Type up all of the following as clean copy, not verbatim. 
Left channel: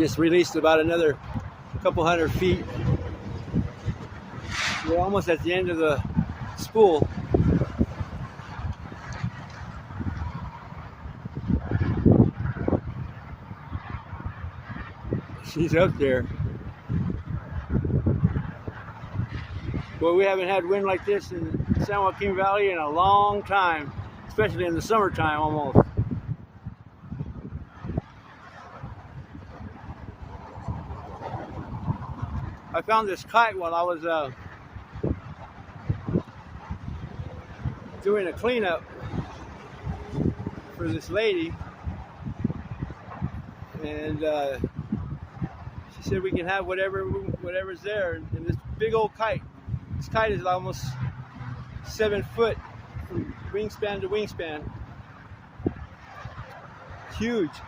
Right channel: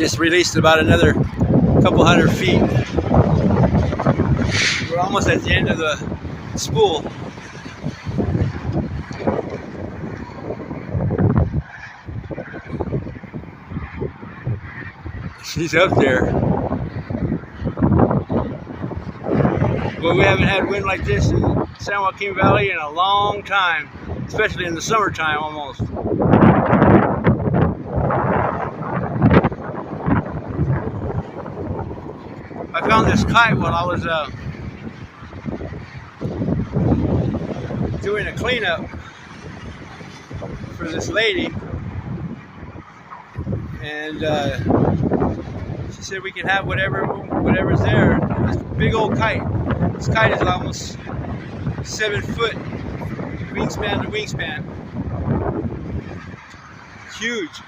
Just released about another couple hundred feet. We're almost at the end of the spool. She's up there. Well, we haven't had wind like this in San Joaquin Valley in a long time, especially in the summertime almost. I found this kite while I was doing a cleanup for this lady, and she said we can have whatever's there. This big old kite. This kite is almost 7 foot wingspan to wingspan. It's huge.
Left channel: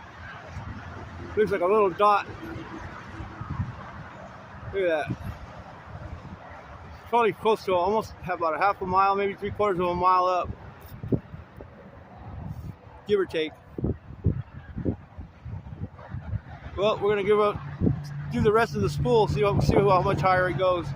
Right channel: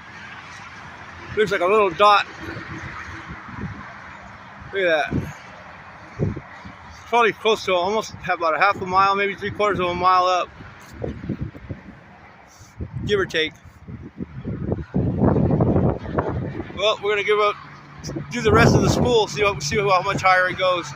Looks like a little dot. Look at that. It's probably close to almost about a half a mile, maybe 3/4 of a mile up, give or take. Well, we're gonna do the rest of the spool, see how much higher it goes.